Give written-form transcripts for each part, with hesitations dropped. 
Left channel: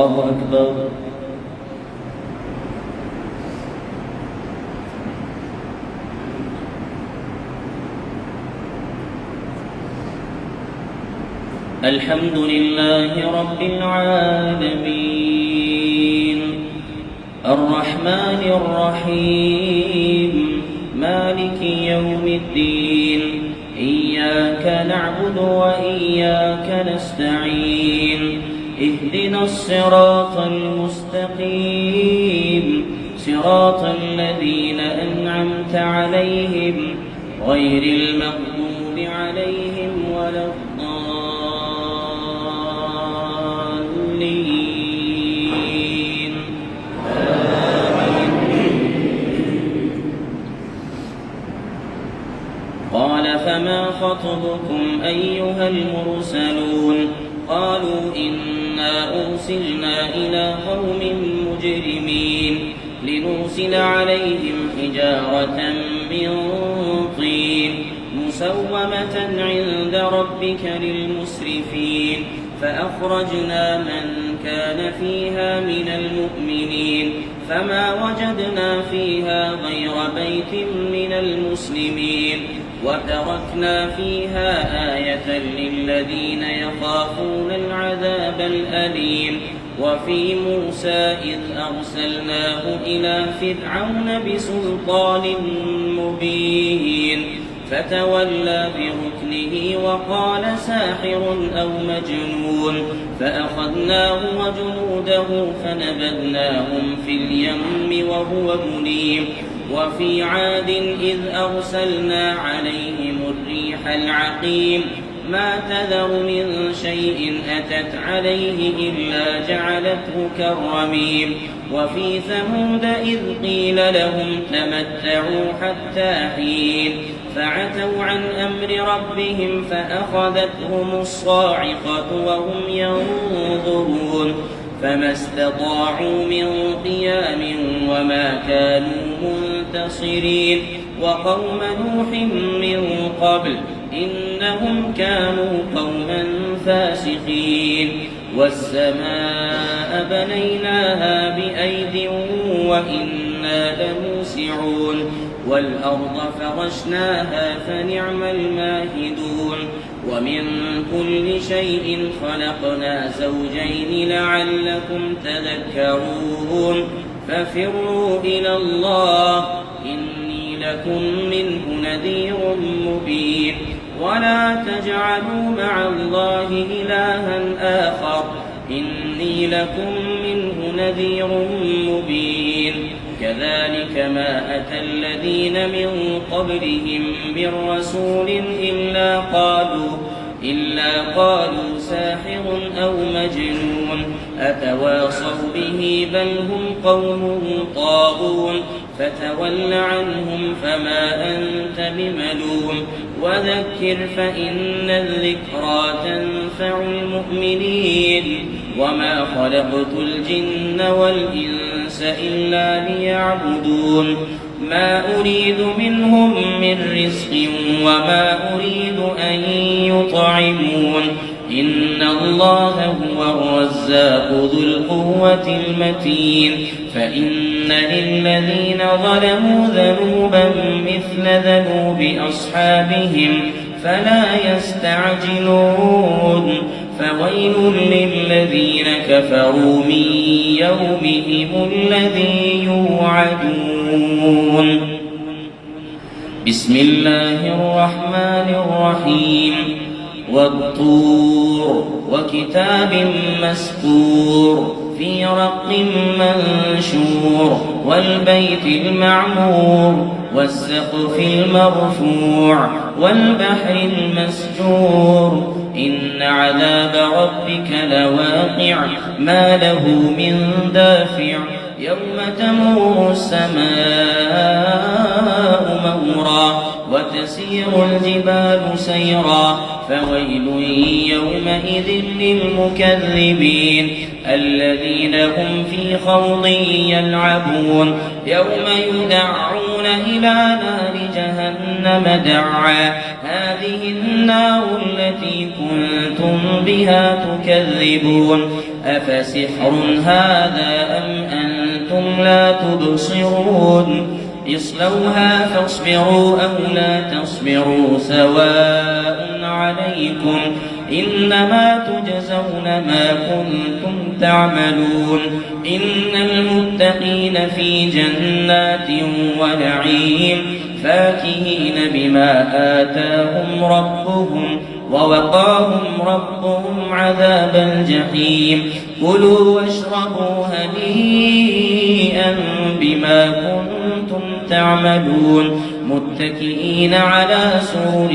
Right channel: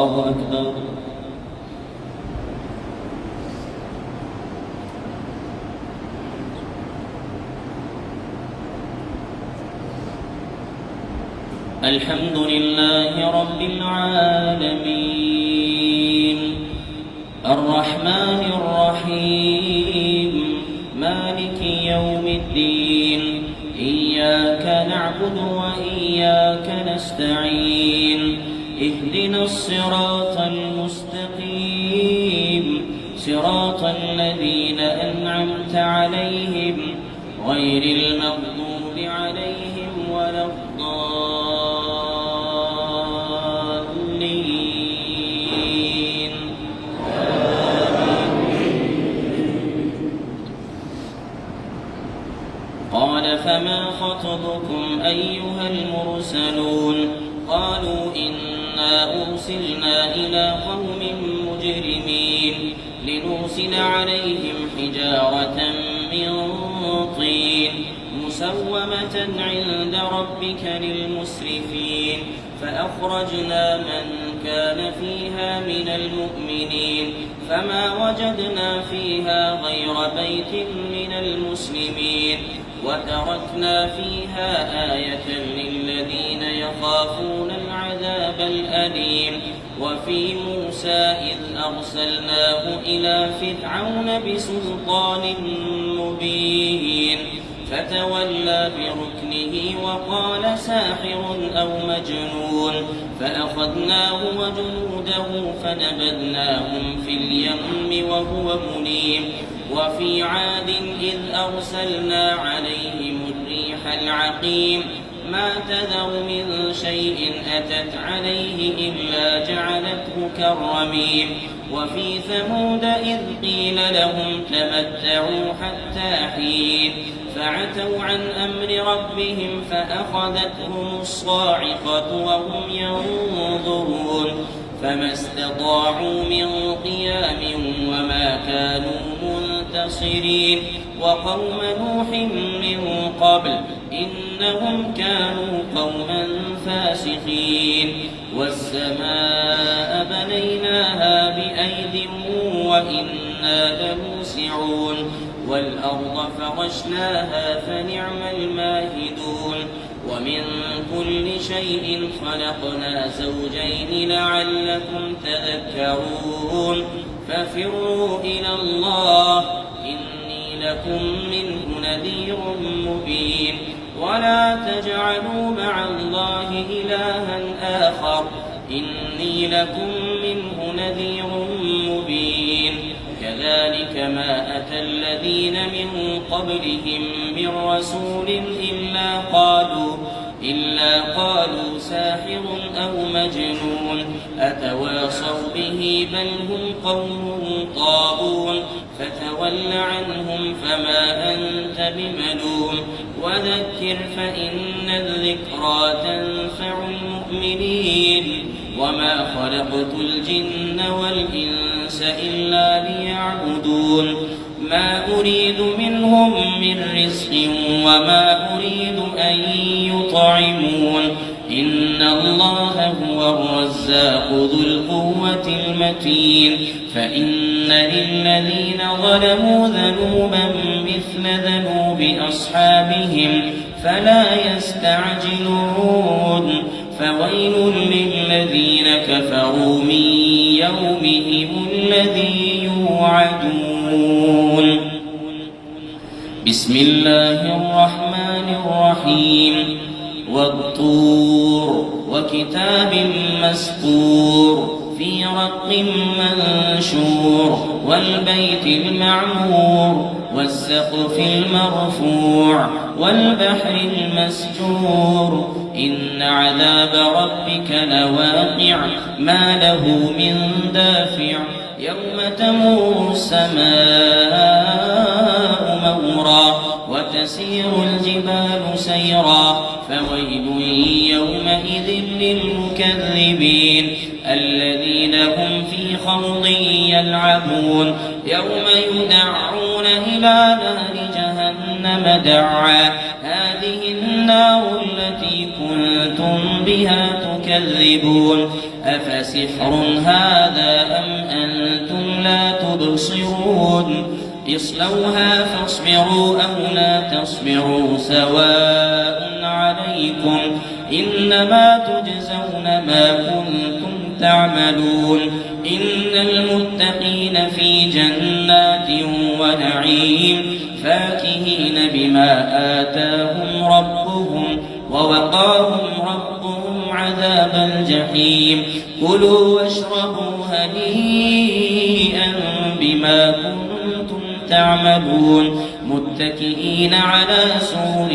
الله أكبر. الحمد لله رب العالمين الرحمن الرحيم مالك يوم الدين إياك نعبد وإياك نستعين اهدنا الصراط المستقيم صراط الذين أنعمت عليهم غير المغضوب عليهم ولا الضالين قال فما خطبكم أيها المرسلون قالوا إنا أرسلنا إلى قوم مجرمين لنرسل عليهم حجارة من طين مسومة عند ربك للمسرفين فأخرجنا من كان فيها من المؤمنين فما وجدنا فيها غير بيت من المسلمين وتركنا فيها آية للذين يخافون العذاب الأليم وفي موسى إذ أرسلناه إلى فرعون بسلطان مبين فتولى بركنه وقال ساحر أو مجنون فأخذناه وجنوده فنبذناهم في اليم وهو مليم وفي عاد إذ أرسلنا عليهم الريح العقيم ما تذر من شيء أتت عليه إلا جعلته كالرميم وفي ثمود إذ قيل لهم تمتعوا حتى حين فعتوا عن أمر ربهم فأخذتهم الصاعقة وهم ينظرون فما استطاعوا من قيام وما كانوا منتصرين وقوم نوح من قبل إنهم كانوا قوما فاسقين والسماء بنيناها بأيد وإنا لموسعون والأرض فرشناها فنعم الماهدون ومن كل شيء خلقنا زوجين لعلكم تذكرون ففروا إلى الله إني لكم منه نذير مبين ولا تجعلوا مع الله إلها آخر إني لكم منه نذير مبين كذلك ما أتى الذين من قبلهم من رسول إلا قالوا ساحر أو مجنون أتواصوا به بل هم قوم طاغون فتول عنهم فما أنت بملوم وذكر فإن الذكرى تنفع المؤمنين وما خلقت الجن والإنس إلا ليعبدون ما أريد منهم من رزق وما أريد أن يطعمون إن الله هو الرزاق ذو القوة المتين فإن للذين ظلموا ذنوبا مثل ذنوب أصحابهم فلا يستعجلون فويل للذين كفروا من يومهم الذي يوعدون بسم الله الرحمن الرحيم والطور وكتاب مسطور في رق منشور والبيت المعمور والسقف المرفوع والبحر المسجور إن عذاب ربك لواقع ما له من دافع يوم تمور السماء مورا وتسير الجبال سيرا فويل يومئذ للمكذبين الذين هم في خوض يلعبون يوم يدعون إلى نار جهنم دعا هذه النار التي كنتم بها تكذبون أفسحر هذا أم أنتم لا تبصرون اصلوها فاصبروا أو لا تصبروا سواء عليكم إنما تجزون ما كنتم تعملون إن المتقين في جنات ونعيم فاكهين بما آتاهم ربهم ووقاهم ربهم عذاب الجحيم كلوا واشربوا هنيئا بما كنتم تعملون متكئين على سرر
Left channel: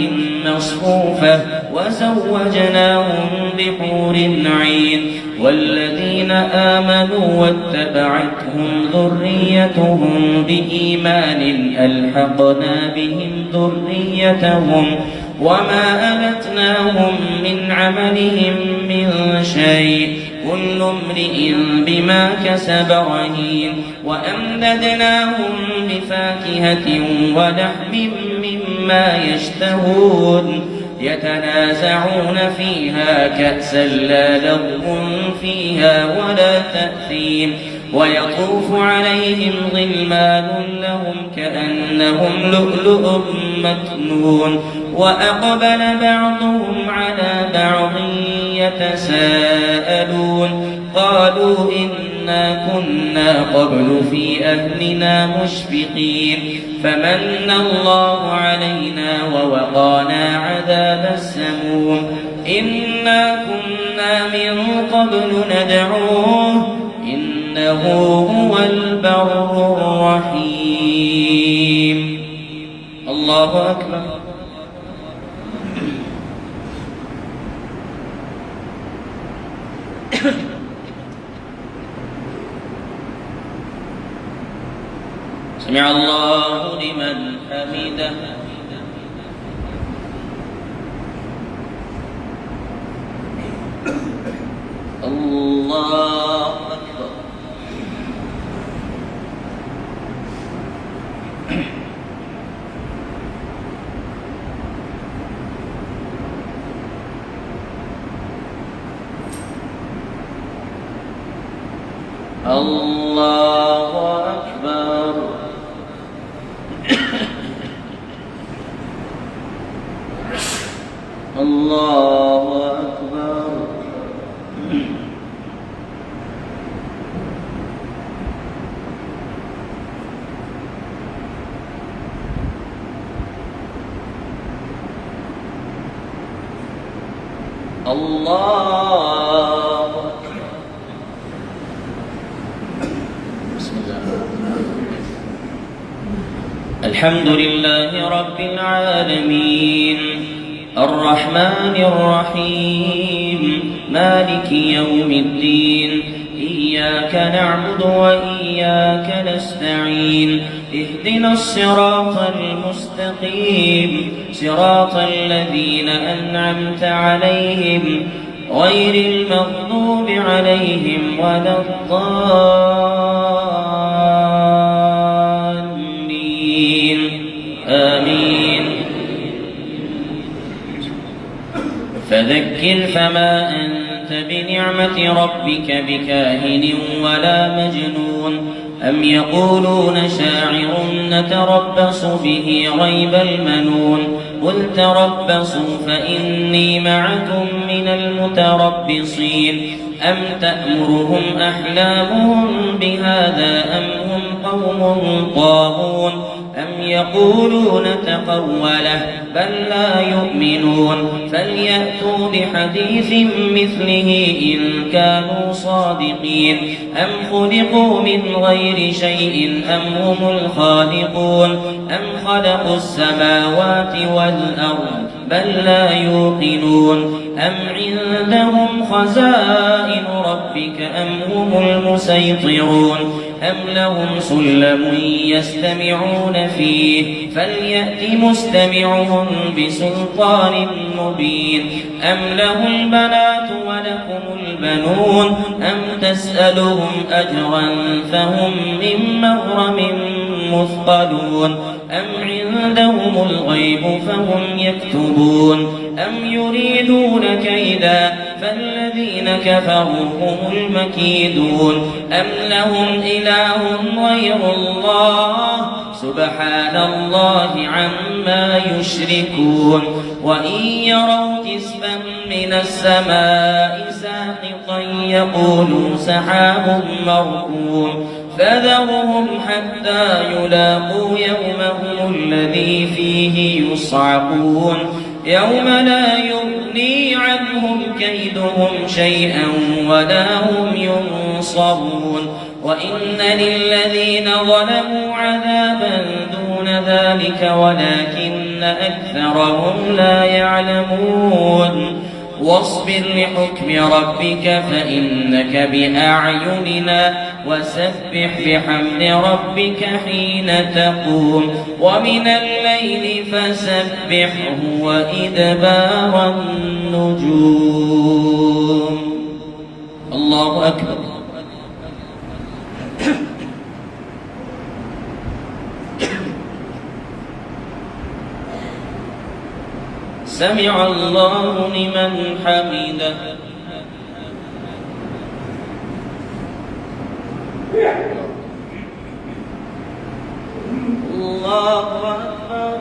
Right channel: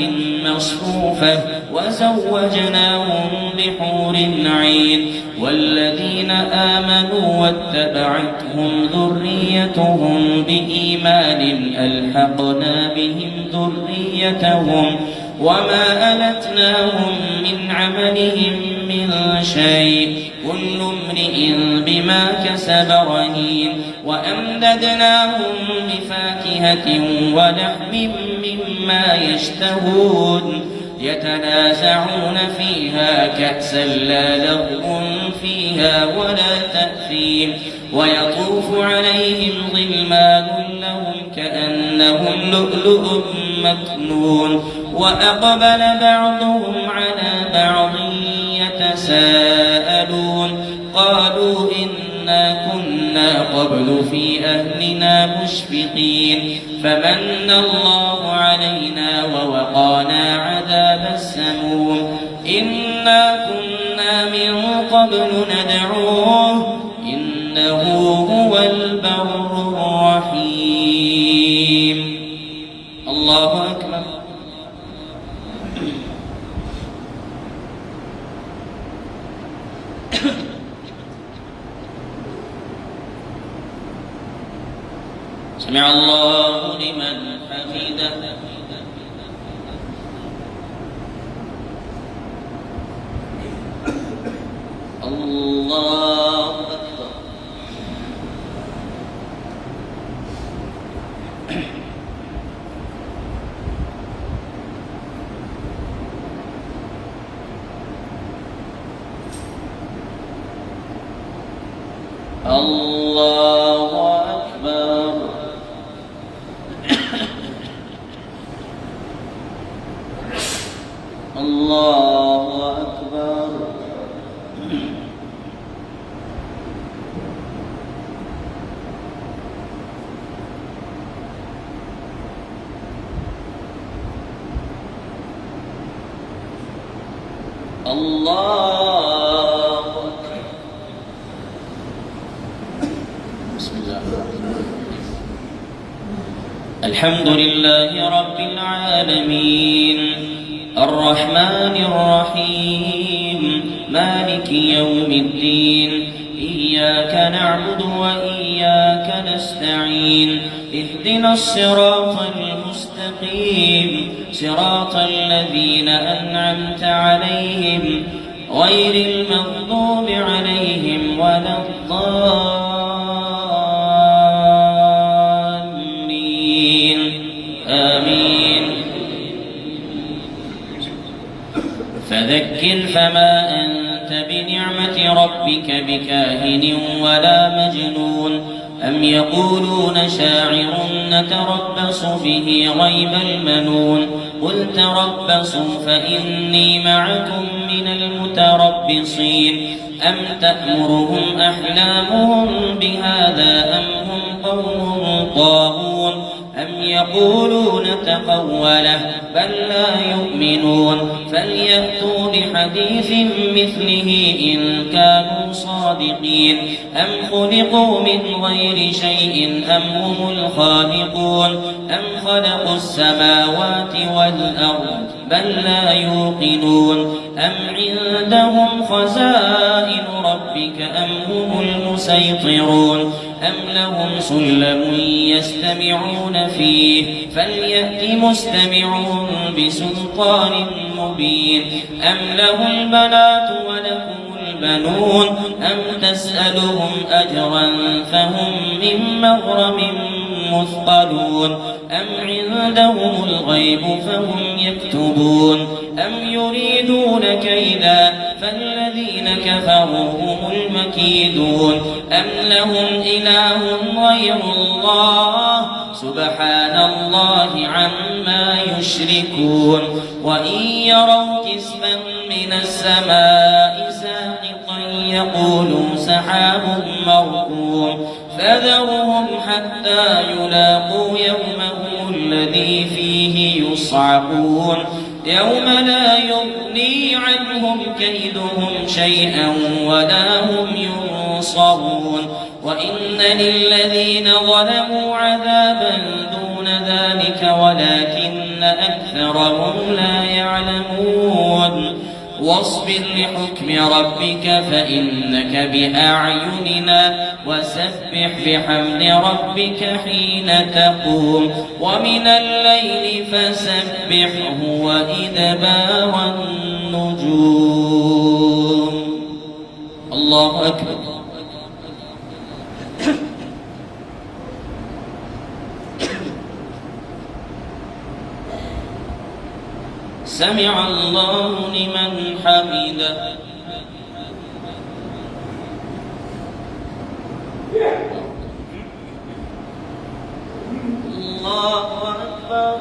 مصفوفة وزوجناهم بحور عين والذين آمنوا واتبعتهم ذريتهم بإيمان ألحقنا بهم ذريتهم وما ألتناهم من عملهم من شيء كل امرئ بما كسب رهين وأمددناهم بفاكهة ولحم مما يشتهون يتنازعون فيها كأسا لا لغو فيها ولا تأثيم ويطوف عليهم غلمان لهم كأنهم لؤلؤ مكنون وأقبل بعضهم على بعض يتساءلون قالوا إنا كنا قبل في أهلنا مشفقين فمن الله علينا ووقانا عذاب السموم إنا كنا من قبل ندعوه إنه هو البر الرحيم الله أكبر سمع الله لمن حمده الله أكبر الله أكبر الله أكبر الله أكبر بسم الله الحمد لله رب العالمين الرحمن الرحيم مالك يوم الدين إياك نعبد وإياك نستعين اهدنا الصراط المستقيم صراط الذين أنعمت عليهم غير المغضوب عليهم ولا الضالين آمين فذكر فما أنت بنعمة ربك بكاهن ولا مجنون أم يقولون شاعر نتربص به ريب المنون قل تربصوا فإني معكم من المتربصين أم تأمرهم أحلامهم بهذا أم هم قوم طاغون أم يقولون تقوله بل لا يؤمنون فليأتوا بحديث مثله إن كانوا صادقين أم خلقوا من غير شيء أم هم الخالقون أم خلقوا السماوات والأرض بل لا يوقنون أم عندهم خزائن ربك أم هم المسيطرون أم لهم سلم يستمعون فيه فليأت مستمعهم بسلطان مبين أم له البنات ولكم البنون أم تسألهم أجرا فهم من مغرم مثقلون أم عندهم الغيب فهم يكتبون أم يريدون كيدا فالذين كفروا هم المكيدون أم لهم إله غير الله سبحان الله عما يشركون وإن يروا كسفا من السماء ساقطا يقولوا سحاب مركوم فذرهم حتى يلاقوا يومهم الذي فيه يصعقون يوم لا يغني عنهم كيدهم شيئا ولا هم ينصرون وإن للذين ظلموا عذابا دون ذلك ولكن أكثرهم لا يعلمون واصبر لحكم ربك فإنك بأعيننا وسبح بحمد ربك حين تقوم ومن الليل فسبحه وإدبار النجوم. الله أكبر. سمع الله لمن حمده. الله أكبر.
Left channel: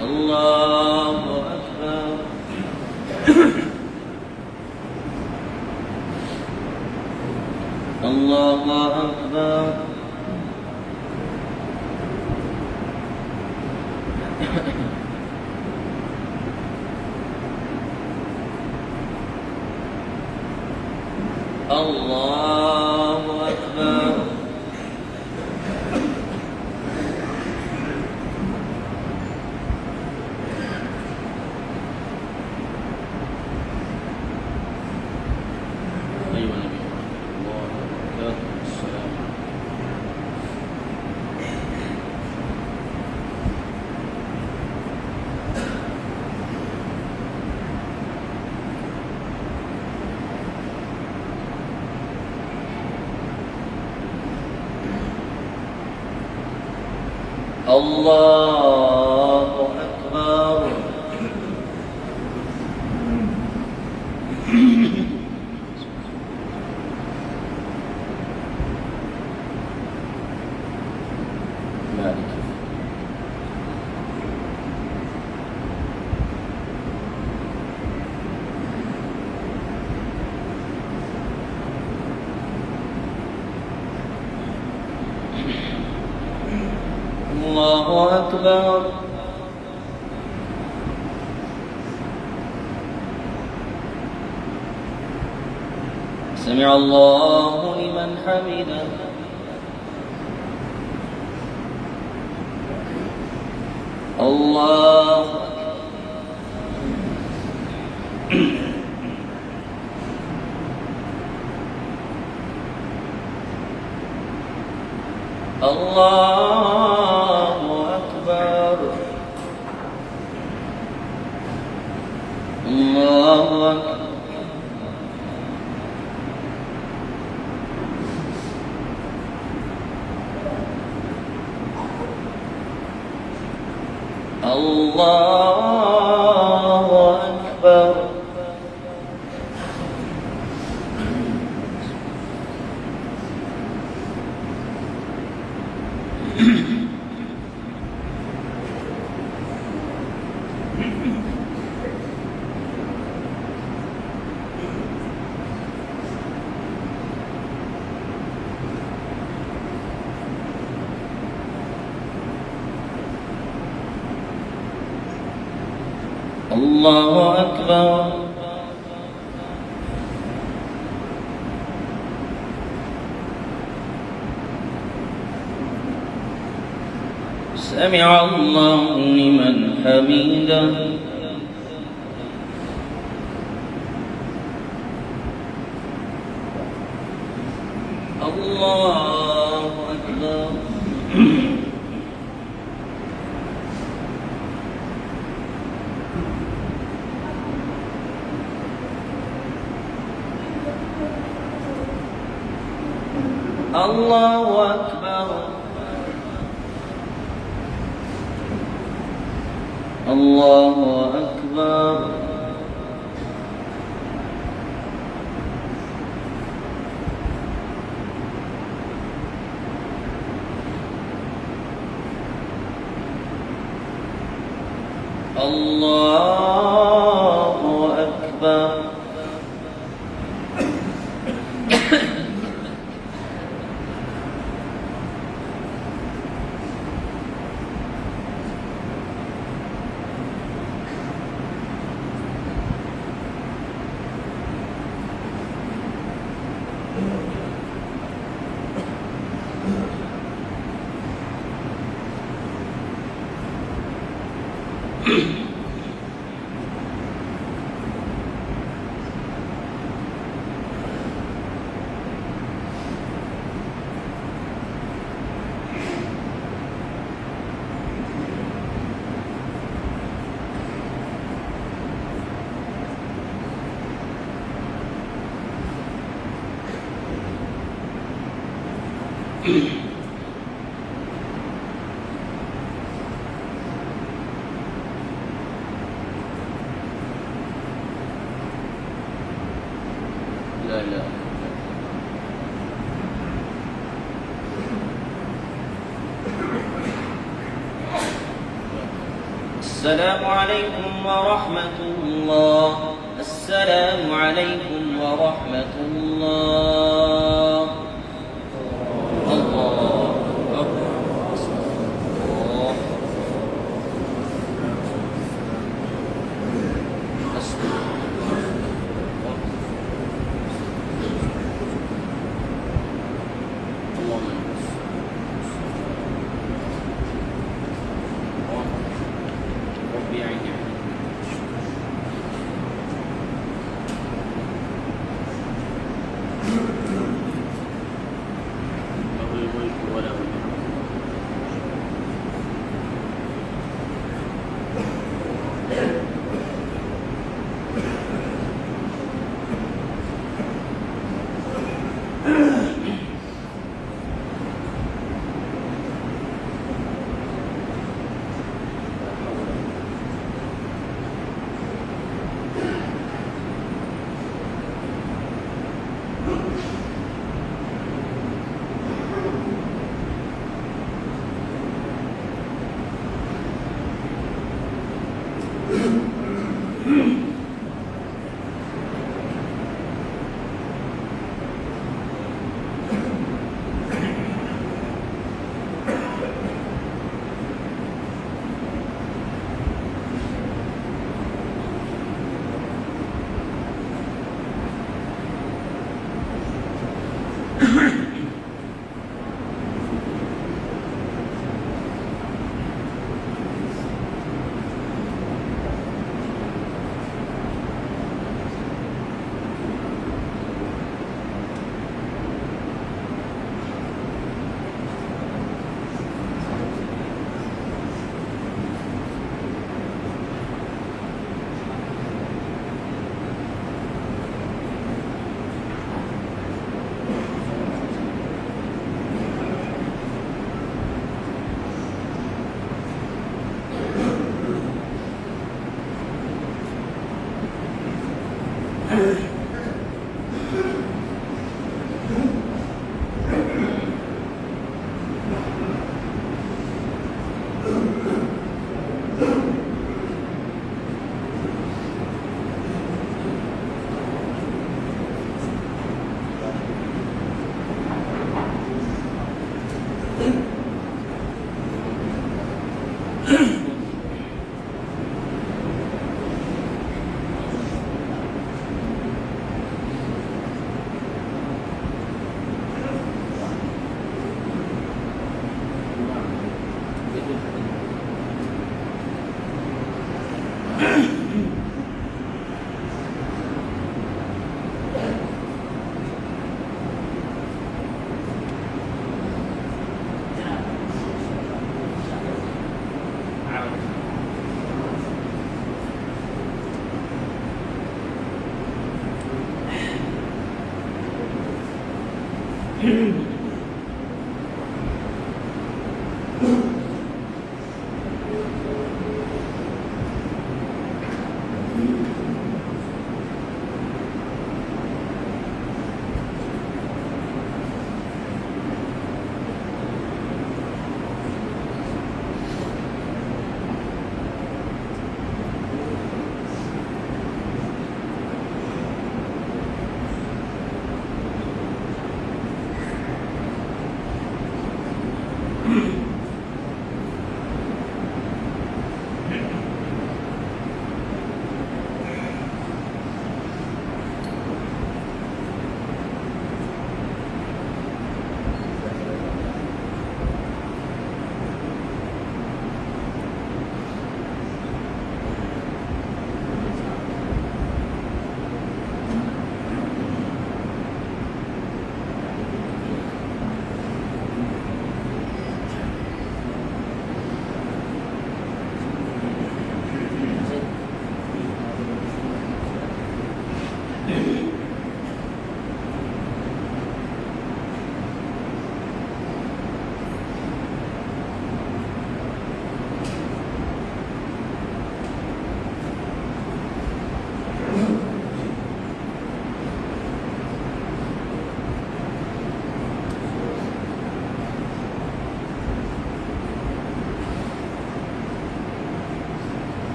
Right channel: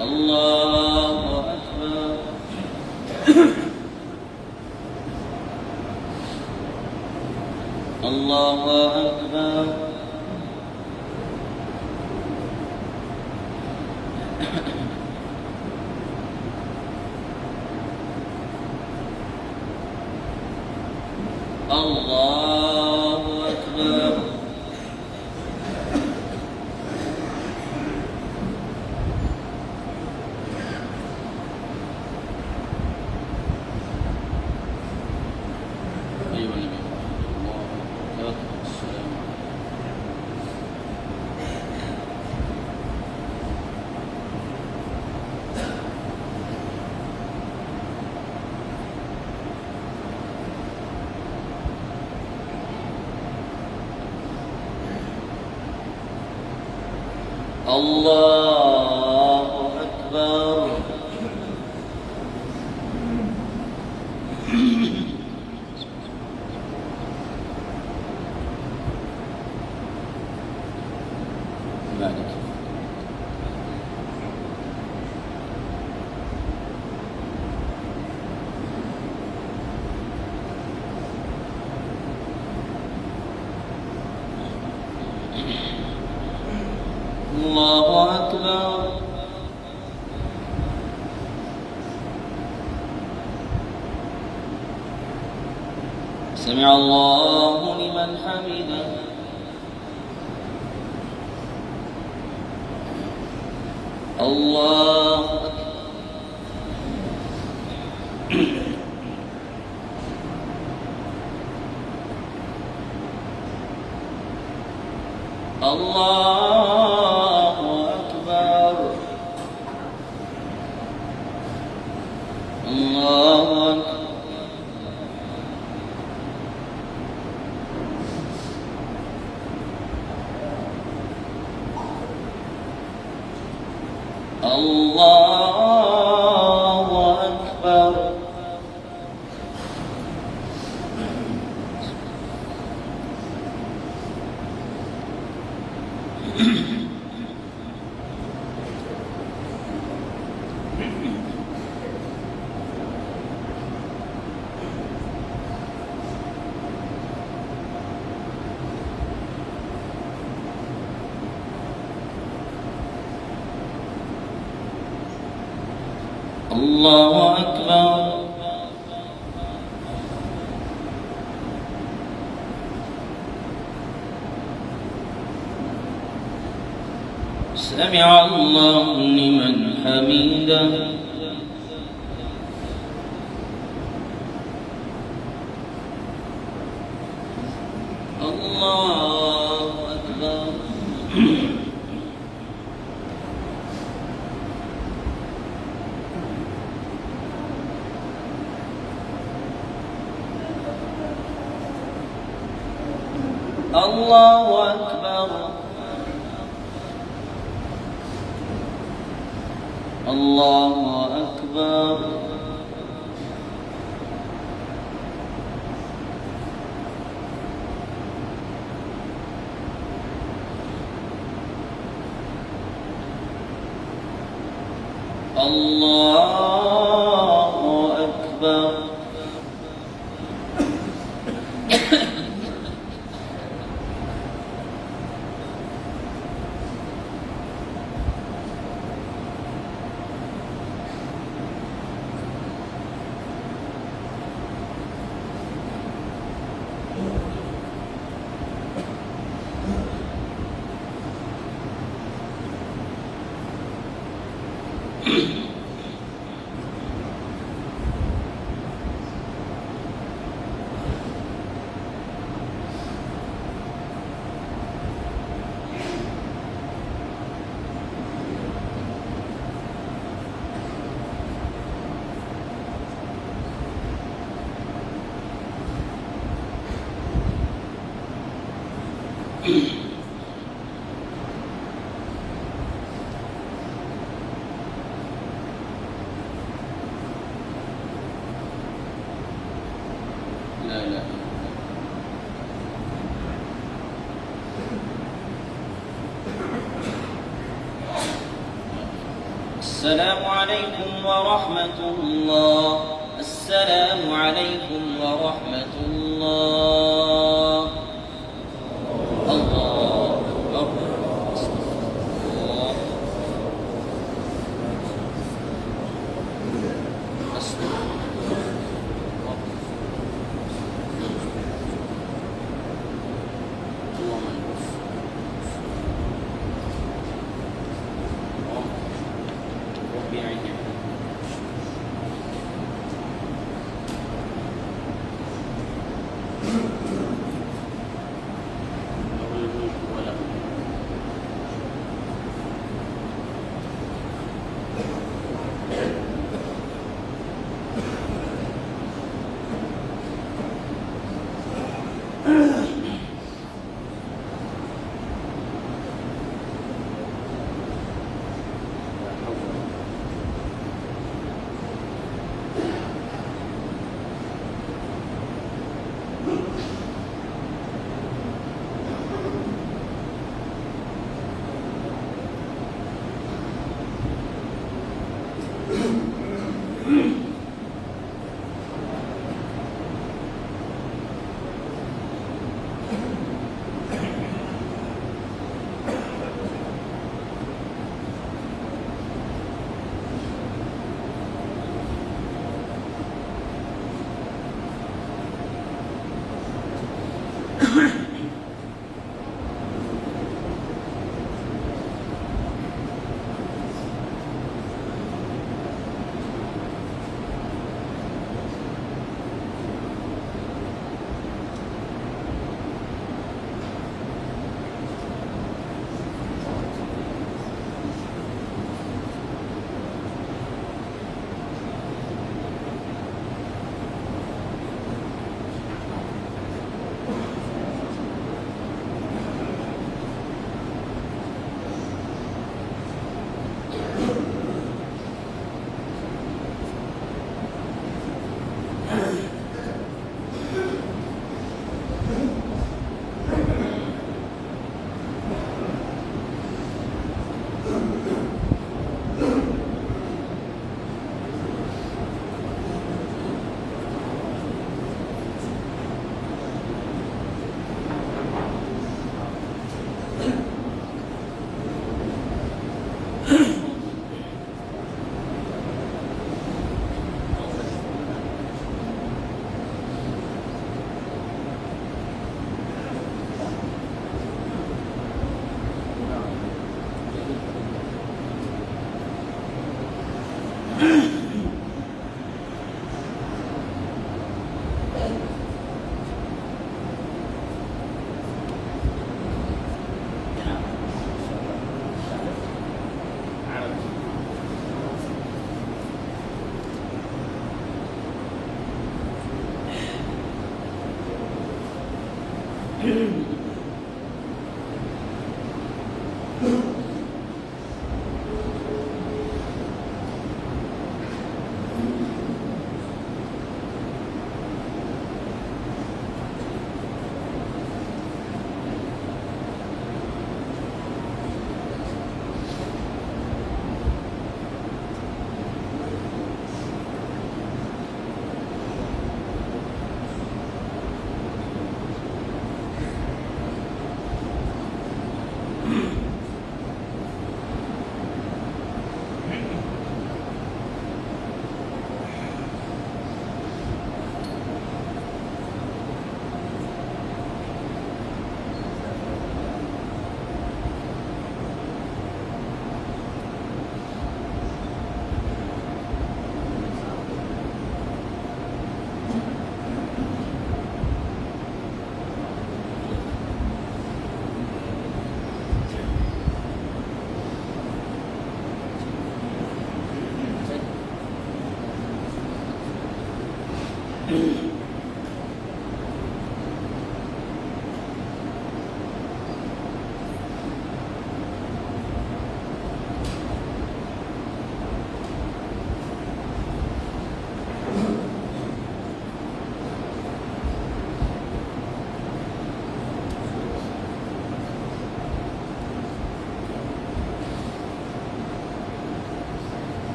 الله أكبر. الله أكبر. الله أكبر. أيها النبي الله أكبر. السلام الله أكبر. مالك. الله أكبر. سمع الله لمن حمده. الله الله أكبر. الله أكبر. الله أكبر. الله أكبر. سمع الله لمن حمده. الله أكبر. الله أكبر الله أكبر الله أكبر لا لا السلام عليكم ورحمة الله السلام عليكم ورحمة الله الله أكبر الله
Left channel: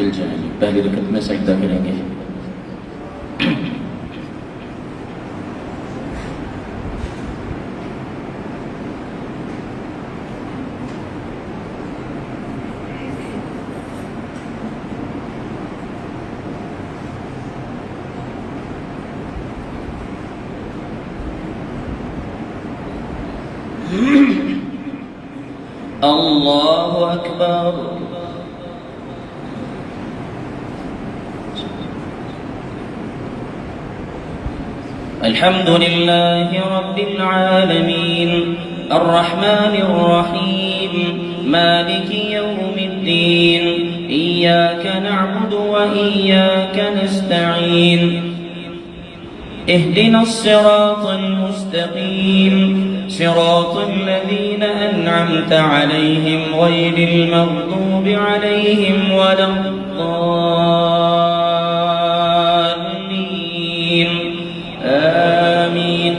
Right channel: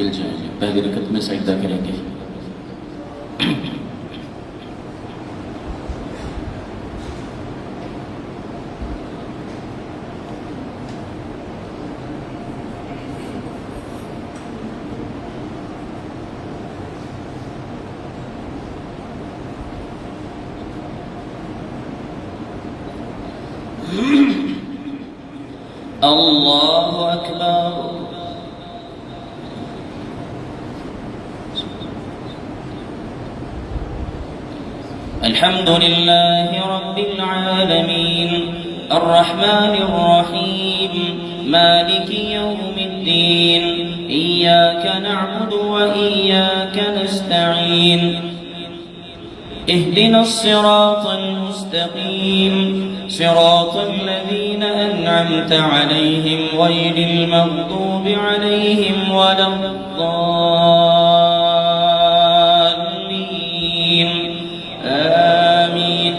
بالجاهلية. Bahagi dekat masa kita kira-kira. الله أكبر. الحمد لله رب العالمين الرحمن الرحيم مالك يوم الدين إياك نعبد وإياك نستعين اهدنا الصراط المستقيم صراط الذين أنعمت عليهم غير المغضوب عليهم ولا الضالين آمين.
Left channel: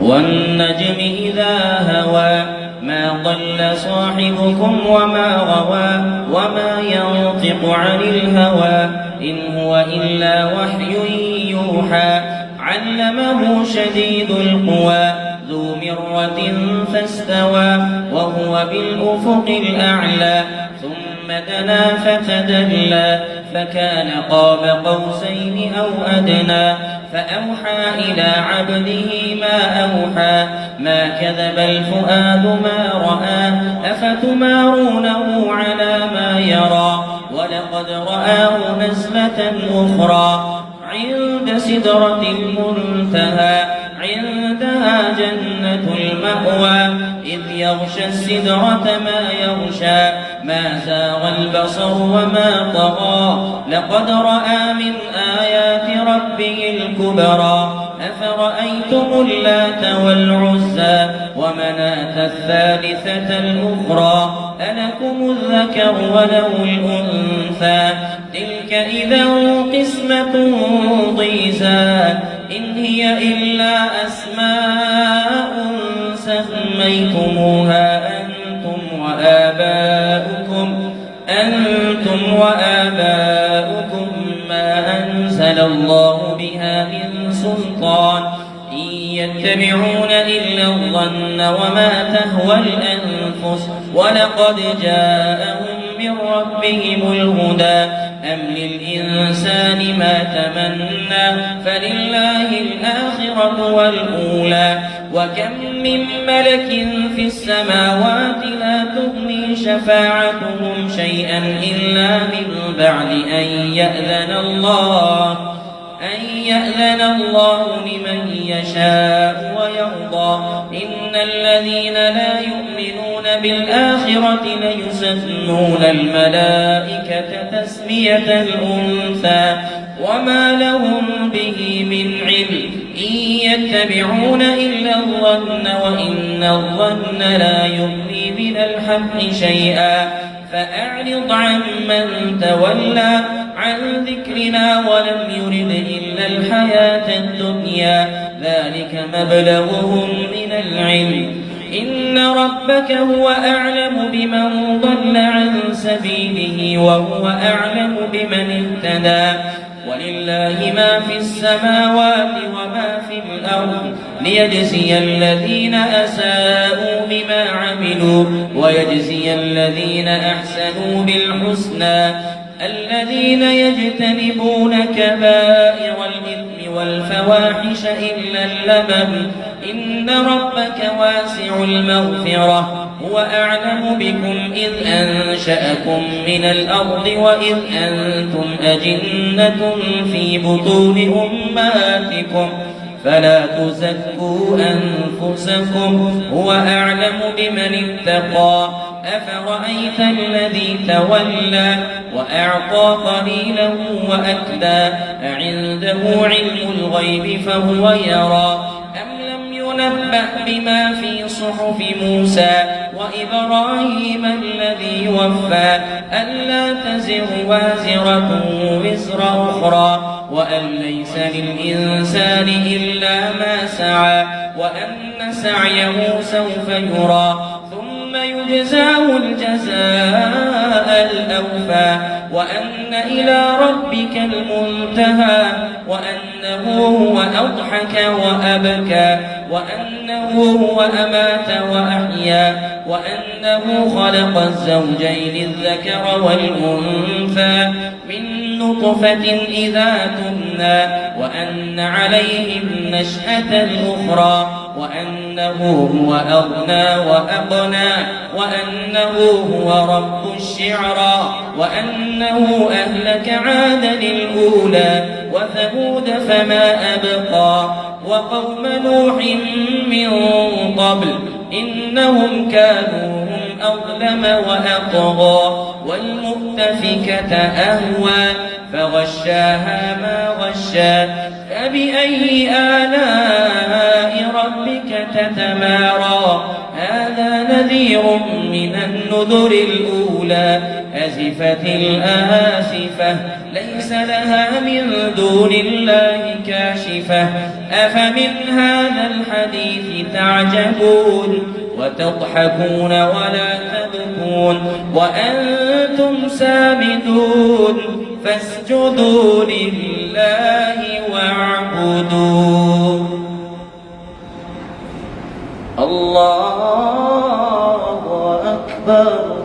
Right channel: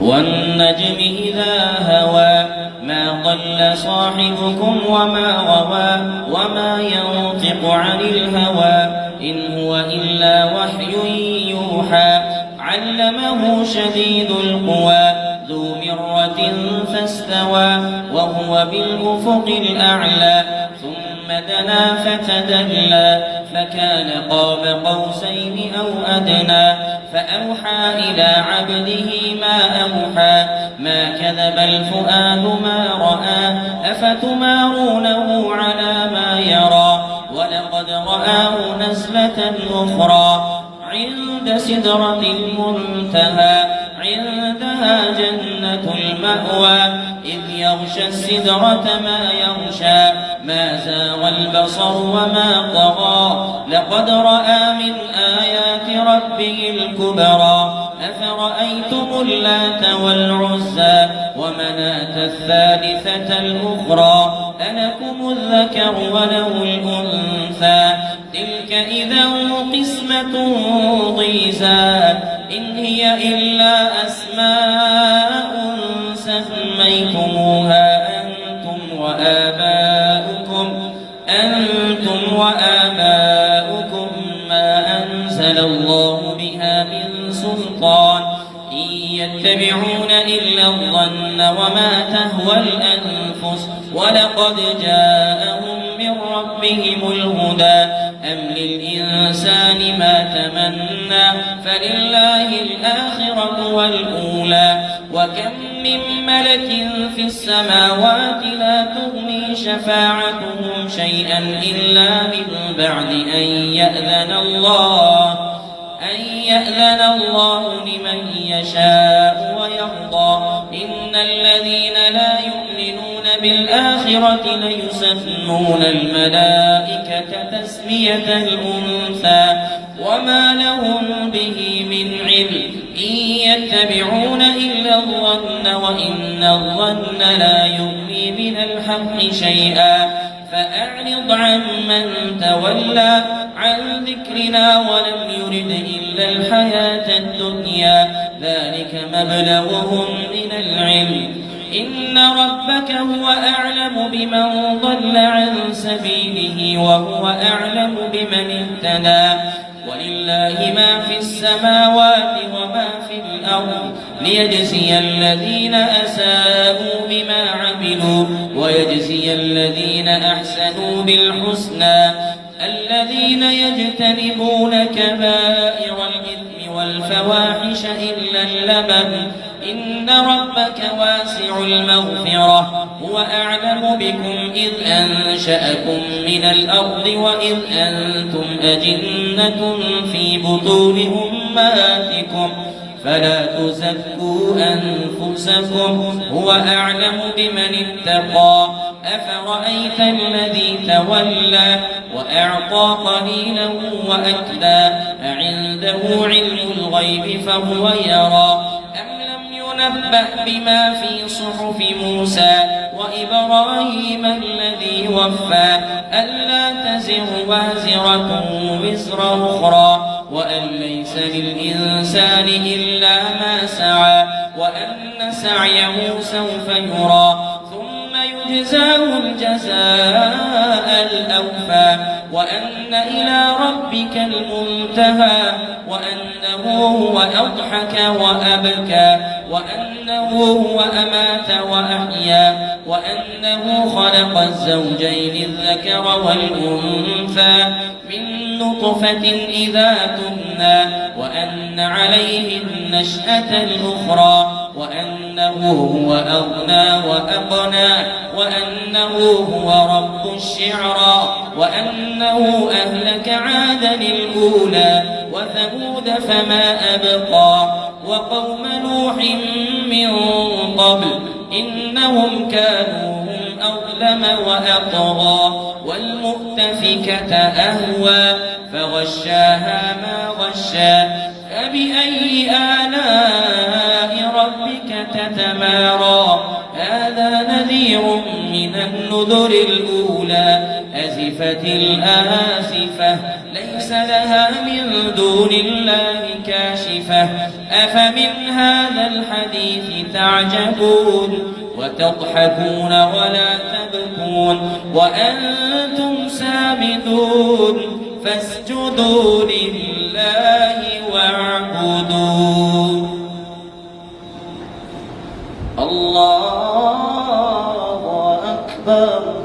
والنجم إذا هوى ما ضل صاحبكم وما غوى وما ينطق عن الهوى إن هو إلا وحي يوحى علمه شديد القوى ذو مرة فاستوى وهو بالأفق الأعلى ثم دنا فتدلى فكان قاب قوسين أو أدنى فأوحى إلى عبده ما أوحى ما كذب الفؤاد ما رأى أفتمارونه على ما يرى ولقد رآه نزلة أخرى عند سدرة المنتهى عندها جنة المأوى إذ يغشى السدرة ما يغشى ما زاغ البصر وما طغى لقد رأى من آيات ربه الكبرى أفرأيتم اللات والعزى ومناة الثالثة الأخرى ألكم الذكر وله الأنثى تلك إذا قسمة ضيزى إن هي إلا أسماء سميتموها أنتم وآباؤكم ما أنزل الله بها من سلطان إن يتبعون إلا الظن وما تهوى الأنفس ولقد جاءهم من ربهم الهدى أم للإنسان ما تمنى فلله الآخرة والأولى وكم من ملك في السماوات لا تغني شفاعتهم شيئا إلا من بعد أن يأذن الله لمن يشاء ويرضى إن الذين لا يؤمنون بالآخرة ليسمون الملائكة تسمية الأنثى وما لهم به من علم إن يتبعون إلا الظن وإن الظن لا يغني من الحق شيئا فأعرض عمن تولى عن ذكرنا ولم يرد إلا الحياة الدنيا ذلك مبلغهم من العلم إن ربك هو أعلم بمن ضل عن سبيله وهو أعلم بمن اهتدى ولله ما في السماوات وما في الأرض ليجزي الذين أساءوا بما عملوا ويجزي الذين أحسنوا بالحسنى الذين يجتنبون كبائر الإثم والفواحش إلا اللمم إن ربك واسع المغفرة هو أعلم بكم إذ أنشأكم من الأرض وإذ أنتم أجنة في بطون أمهاتكم فلا تزكوا أنفسكم هو أعلم بمن اتقى أفرأيت الذي تولى وأعطى قليلا وأكدى أعنده علم الغيب فهو يرى ينبأ بما في صحف موسى وإبراهيم الذي وفى ألا تزر وازرة وزر أخرى وأن ليس للإنسان إلا ما سعى وأن سعيه سوف يرى ثم يجزاه الجزاء الأوفى وأن إلى ربك المنتهى وأنه هو أضحك وأبكى وأنه هو أمات وأحيا وأنه خلق الزوجين الذكر والأنثى من نطفة إذا تمنى وأن عليه النشأة الأخرى وأنه هو أغنى وأقنى وأنه هو رب الشعرى وأنه أهلك عادا الأولى وثمود فما أبقى وقوم نوح من قبل إنهم كانوا هم أظلم وأطغى والمؤتفكة أهوى فغشاها ما غشى فبأي آلاء ربك تتمارى هذا نذير من النذر الأولى أزفت الآسفة ليس لها من دون الله كاشفة أفمن هذا الحديث تعجبون وتضحكون ولا تبكون وأنتم سامدون فاسجدوا لله واعبدوا الله أكبر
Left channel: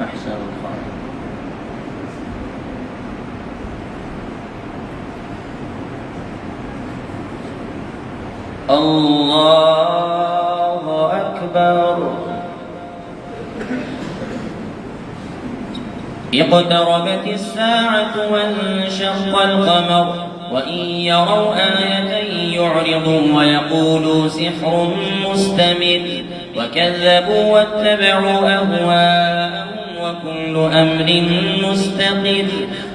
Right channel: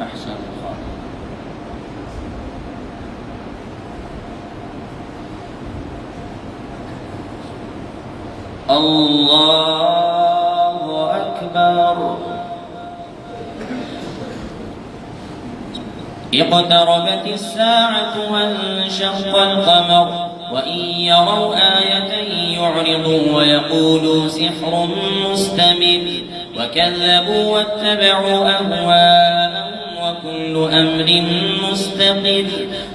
أحسن الله الله أكبر اقتربت الساعة وانشق القمر وإن يروا آية يعرضوا ويقولوا سحر مستمر وكذبوا واتبعوا أهواءهم وكل أمر مستقر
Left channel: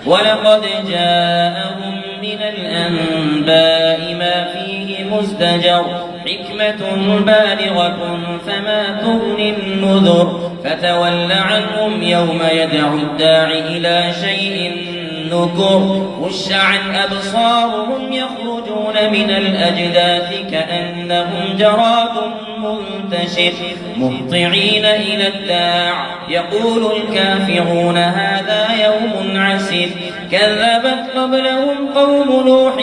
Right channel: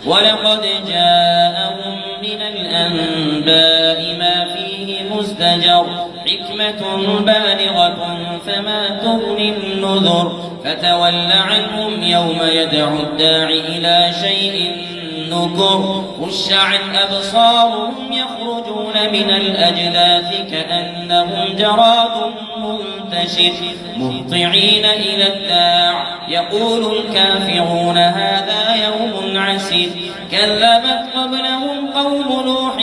ولقد جاءهم من الأنباء ما فيه مزدجر حكمة بالغة فما تغني النذر فتول عنهم يوم يدعو الداعي إلى شيء نكر خش عن أبصارهم يخرجون من الأجداث كأنهم جراد منتشر مهطعين إلى الداع يقول الكافرون هذا يوم عسير كذبت قبلهم قوم نوح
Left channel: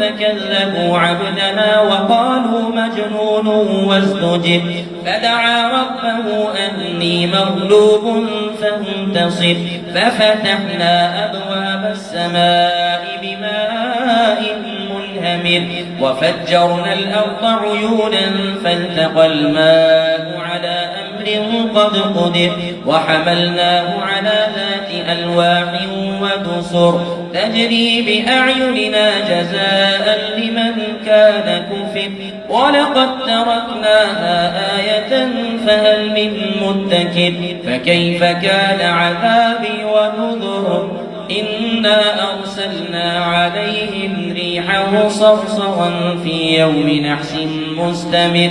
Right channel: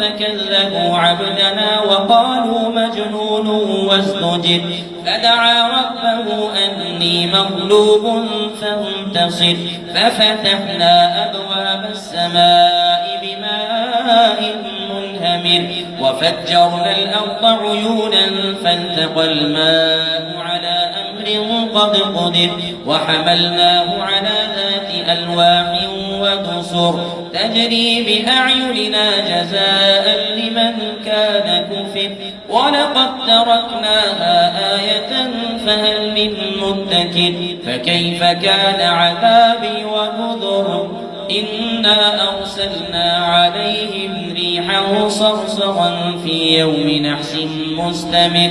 فكذبوا عبدنا وقالوا مجنون وازدجر فدعا ربه أني مغلوب فانتصر ففتحنا أبواب السماء بماء منهمر وفجرنا الأرض عيونا فالتقى الماء على أمر قد قدر وحملناه على ذات ألواح ودسر تجري بأعيننا جزاء لمن كان كفر ولقد تركناها آية فهل من مدكر فكيف كان عذابي ونذر إنا أرسلنا عليهم ريحا صرصرا في يوم نحس مستمر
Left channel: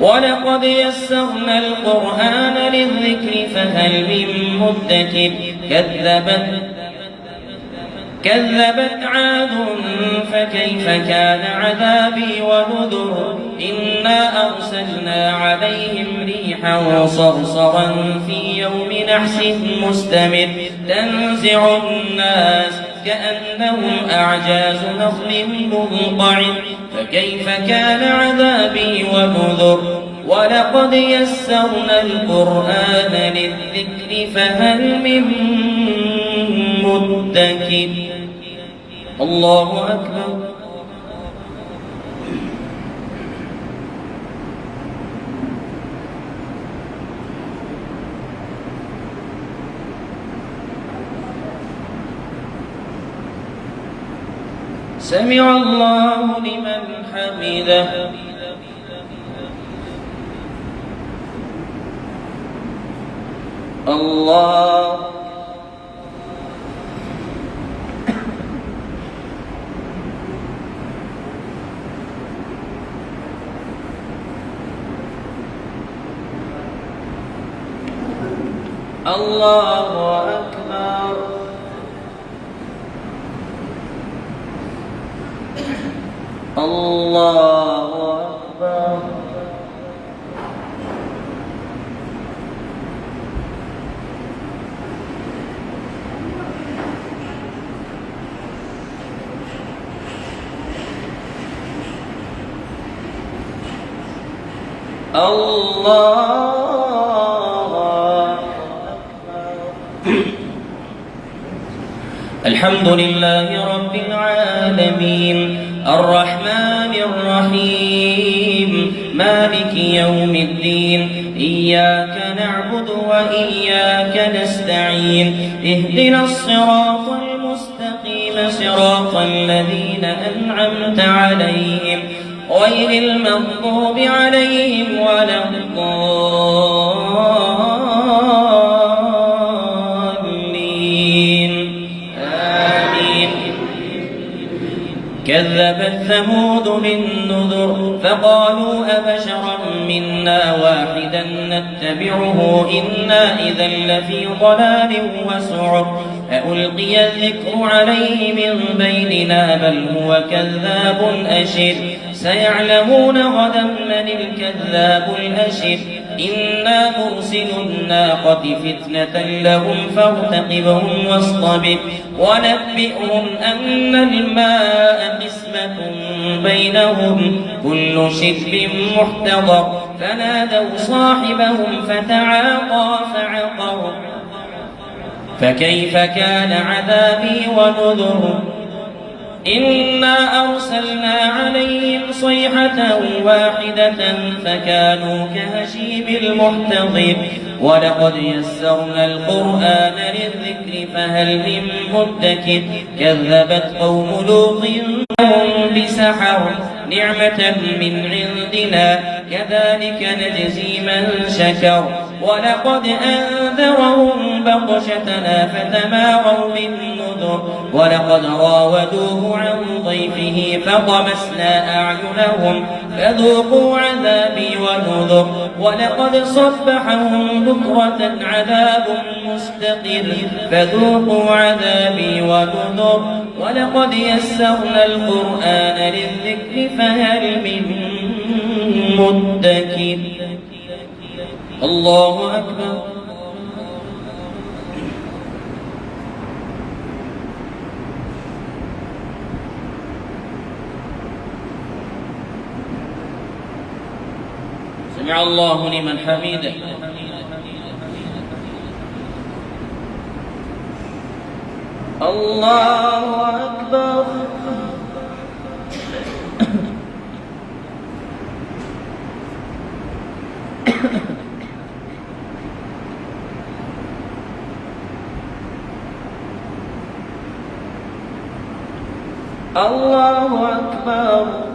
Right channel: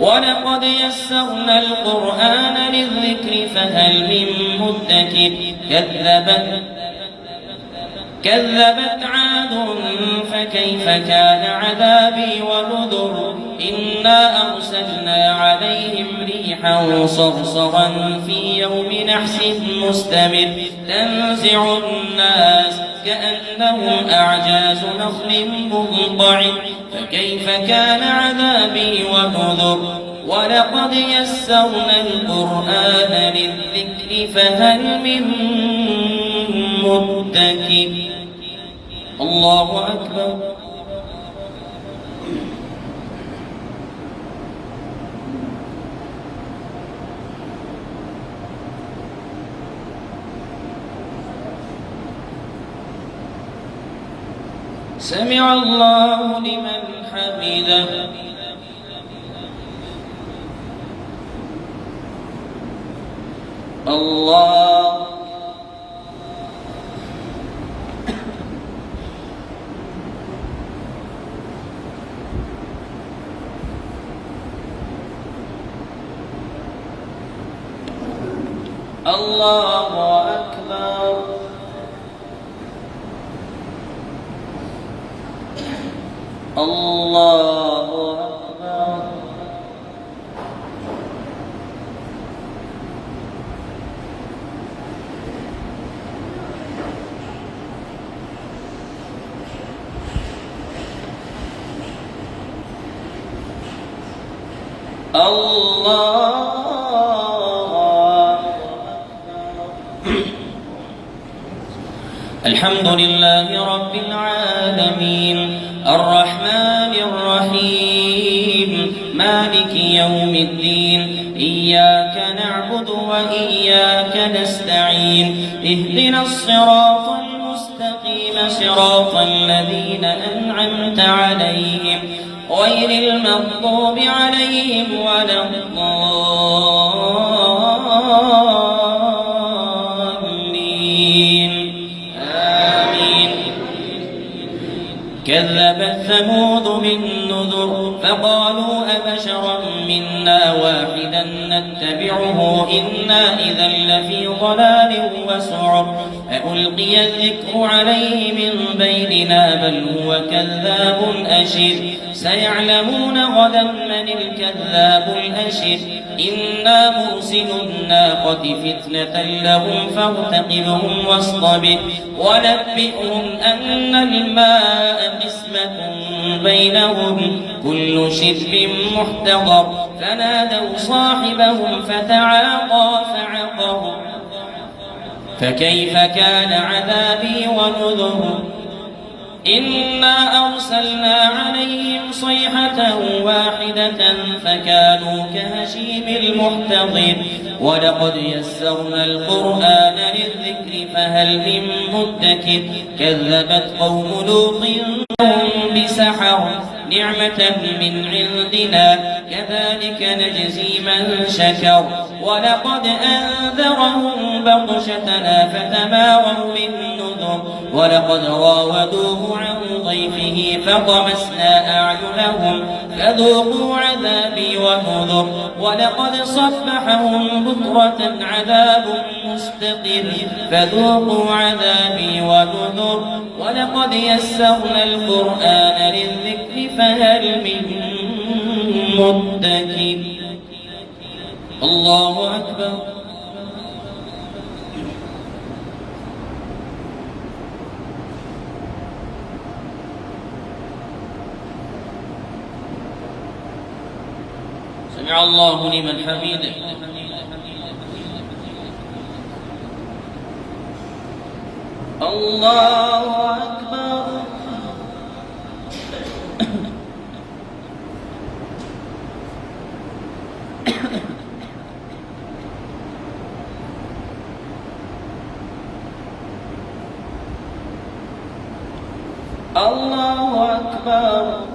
ولقد يسرنا القرآن للذكر فهل من مدكر كذبت عاد فكيف كان عذابي ونذر إنا أرسلنا عليهم ريحا صرصرا في يوم نحس مستمر تنزع الناس كأنهم أعجاز نخل منقعر فكيف كان عذابي ونذر ولقد يسرنا القرآن للذكر فهل من مدكر الله أكبر سمع الله لمن حمده الله الله أكبر. الله أكبر. الله أكبر. الحمد لله رب العالمين الرحمن الرحيم مالك يوم الدين إياك نعبد وإياك نستعين اهدنا الصراط المستقيم صراط الذين أنعمت عليهم غير المغضوب عليهم ولا الضالين آمين. كذبت ثمود بالنذر فقالوا أبشرا منا واحدا نتبعه إنا إذا لفي ضلال وسعر ألقي الذكر عليه من بيننا بل هو كذاب أشر سيعلمون غدا من الكذاب الأشر إنا مرسل الناقة فتنة لهم فارتقبهم واصطبر ونبئهم أن الماء قسمة بينهم كل شرب محتضر فنادوا صاحبهم فتعاطى فعقر فكيف كان عذابي ونذر إنا أرسلنا عليهم صيحة واحدة فكانوا كهشيم المحتضر ولقد يسرنا القرآن للذكر فهل من مدكر كذبت قوم لوط لهم بسحر نعمة من عندنا كذلك نجزي من شكر ولقد أنذرهم بطشتنا فتماروا بالنذر ولقد راودوه عن ضيفه فطمسنا أعينهم فذوقوا عذابي ونذر ولقد صبحهم بكرة عذاب مستقر فذوقوا عذابي ونذر ولقد يسرنا القرآن للذكر فهل من مدكر. الله أكبر. سمع الله لمن حمده. الله أكبر. الله أكبر.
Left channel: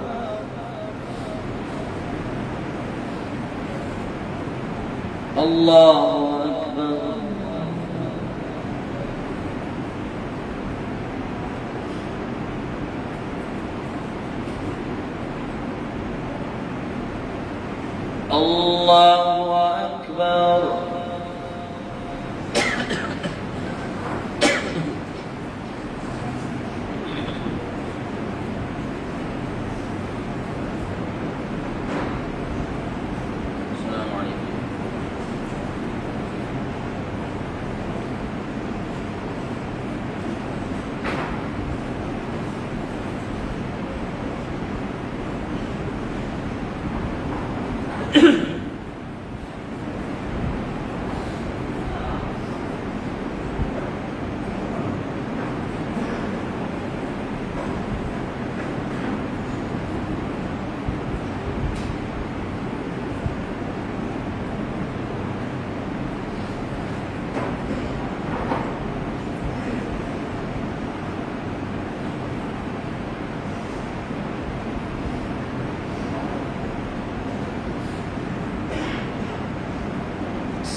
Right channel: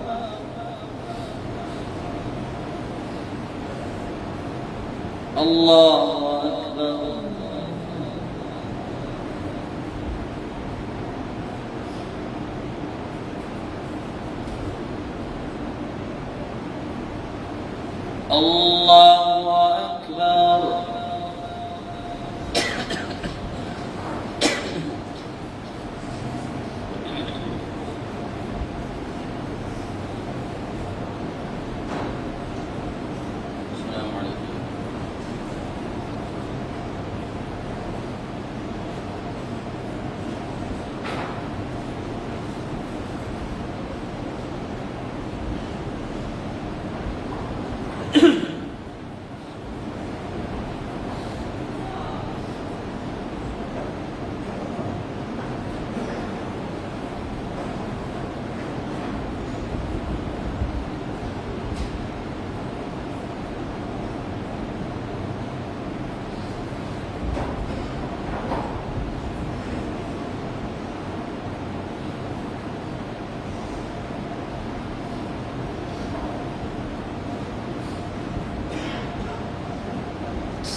الله أكبر. الله أكبر.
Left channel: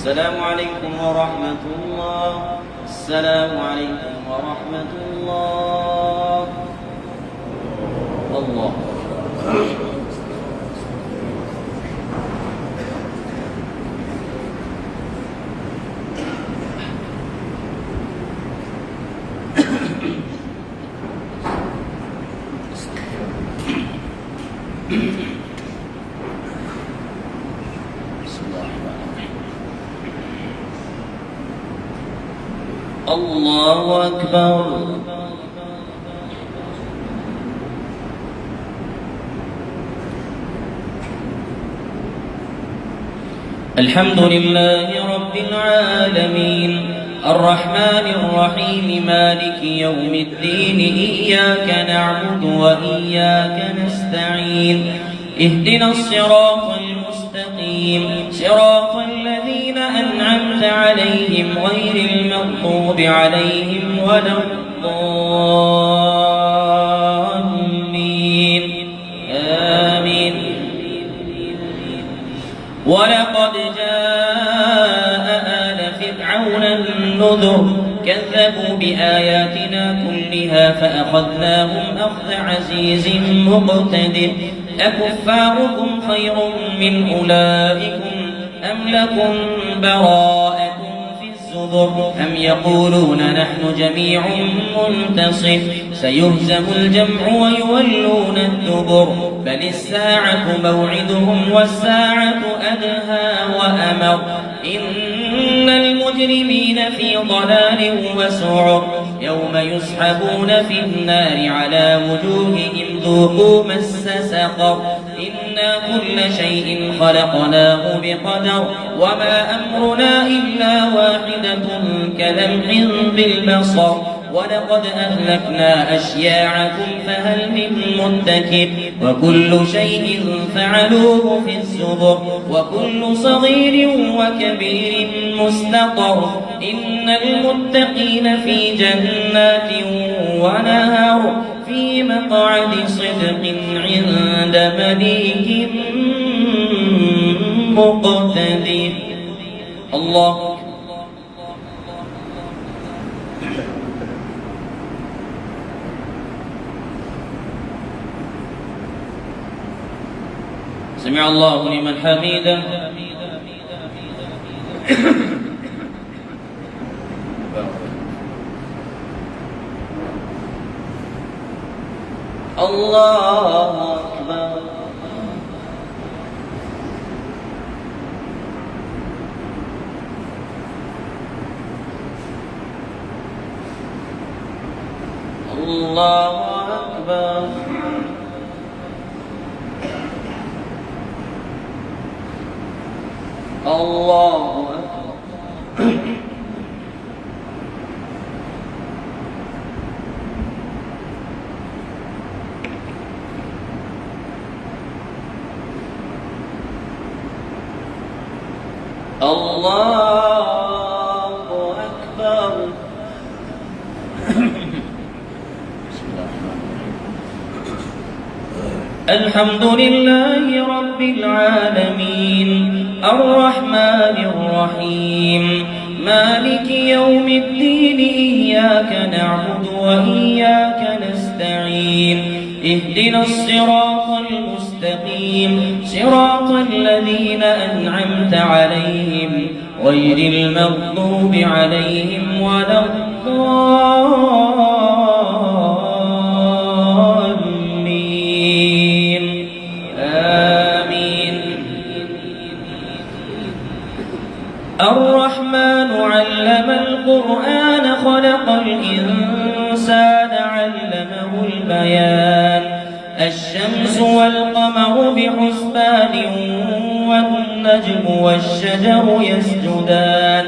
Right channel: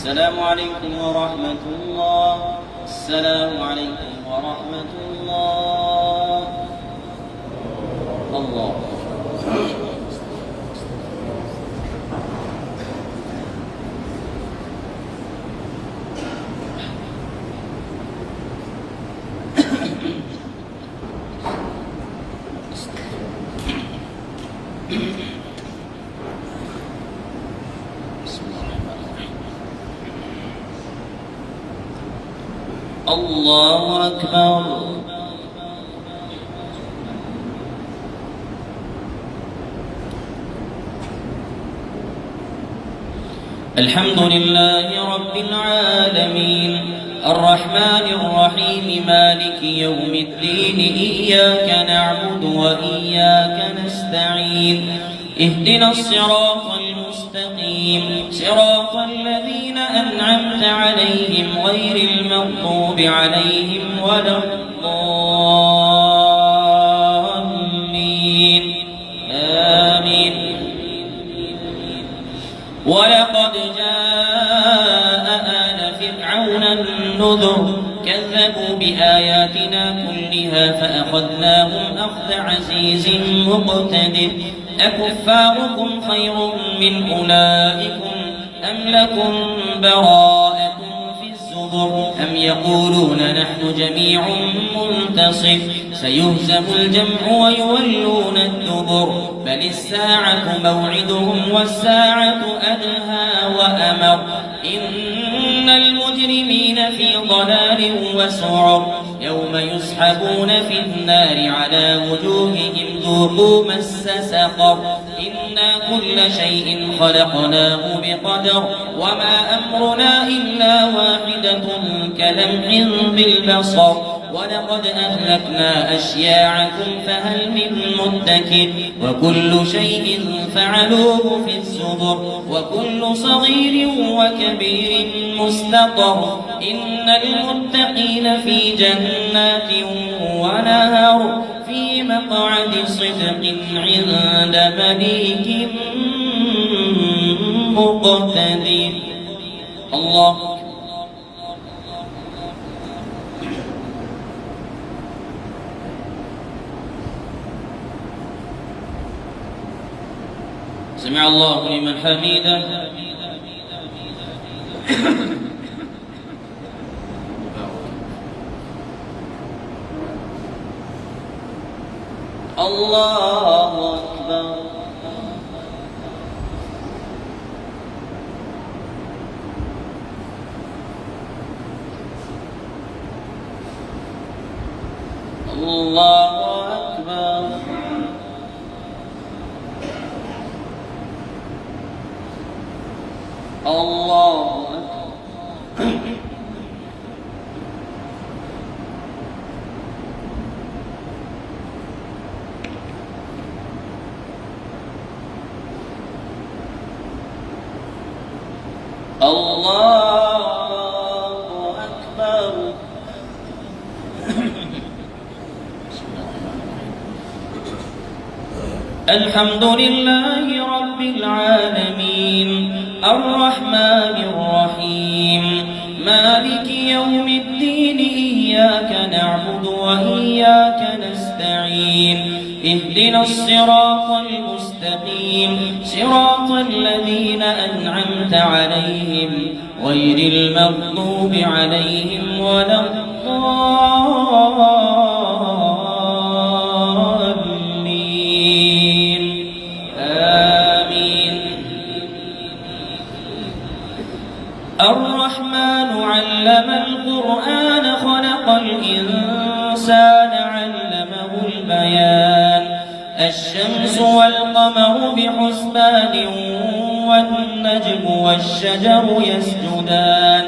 السلام عليكم ورحمة الله. السلام عليكم ورحمة الله. الله بسم الله الرحمن الرحيم. الله أكبر. الحمد لله رب العالمين الرحمن الرحيم مالك يوم الدين إياك نعبد وإياك نستعين اهدنا الصراط المستقيم صراط الذين أنعمت عليهم غير المغضوب عليهم ولا الضالين آمين. ولقد جاء آل فرعون النذر كذبوا بآياتنا كلها فأخذناهم أخذ عزيز مقتدر. أكفاركم خير من أولئكم أم لكم براءة في الزبر أم يقولون نحن جميع منتصر سيهزم الجمع ويولون الدبر بل الساعة موعدهم والساعة أدهى وأمر إن المجرمين في ضلال وسعر يوم يسحبون في النار على وجوههم ذوقوا مس سقر إنا كل شيء خلقناه بقدر وما أمرنا إلا واحدة كلمح بالبصر ولقد أهلكنا أشياعكم فهل من مدكر وكل شيء فعلوه في الزبر وكل صغير وكبير مستقر إن المتقين في جنات ونهر في مقعد صدق عند مليك مقتدر. الله. سمع الله لمن حمده. الله أكبر. الله أكبر. الله أكبر. الله أكبر. الحمد لله رب العالمين الرحمن الرحيم مالك يوم الدين إياك نعبد وإياك نستعين اهدنا الصراط المستقيم صراط الذين أنعمت عليهم غير المغضوب عليهم ولا الضالين آمين. الرحمن علم القرآن خلق الإنسان علمه البيان الشمس والقمر بحسبان والنجم والشجر يسجدان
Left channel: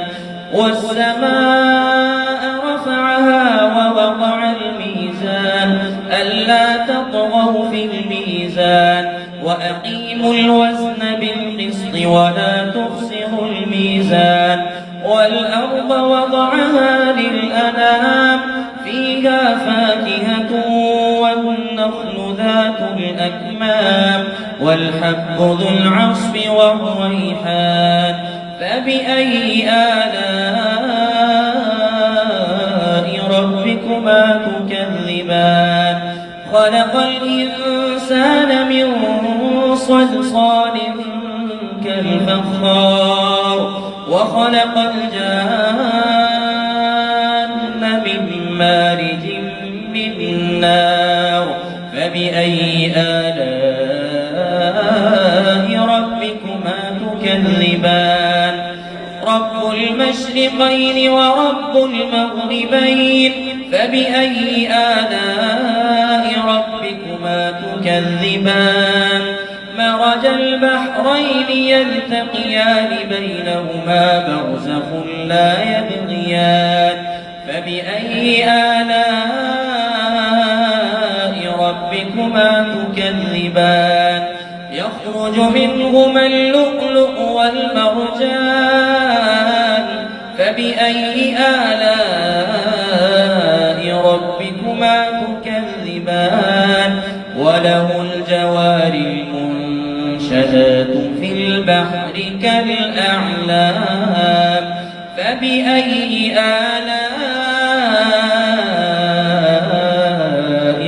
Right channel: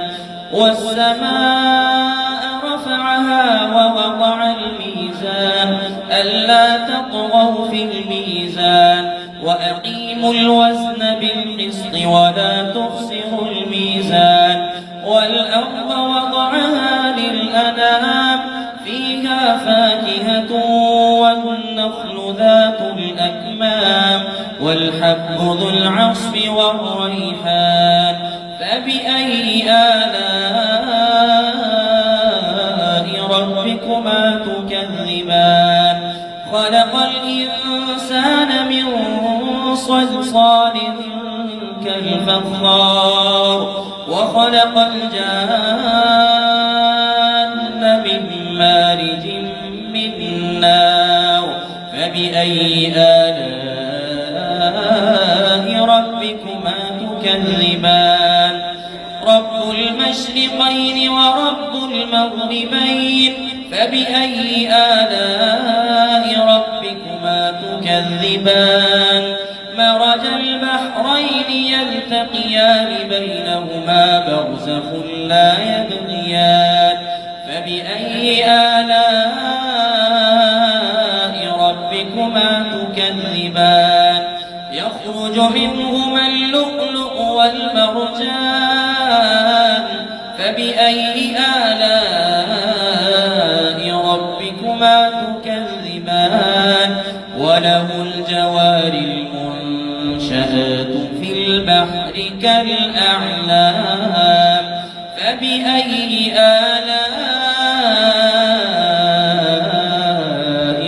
والسماء رفعها ووضع الميزان ألا تطغوا في الميزان وأقيموا الوزن بالقسط ولا تخسروا الميزان والأرض وضعها للأنام فيها فاكهة والنخل ذات الأكمام والحب ذو العصف والريحان فبأي آلاء ربكما تكذبان خلق الإنسان من صلصال كالفخار وخلق الجان من مارج من نار فبأي آلاء ربكما تكذبان رب المشرقين ورب المغربين فبأي آلاء ربكما تكذبان مرج البحرين يلتقيان بينهما برزخ لا يبغيان فبأي آلاء ربكما تكذبان يخرج منهما اللؤلؤ والمرجان فبأي آلاء ربكما تكذبان وله الجوار المنشآت في البحر كالأعلام فبأي آلاء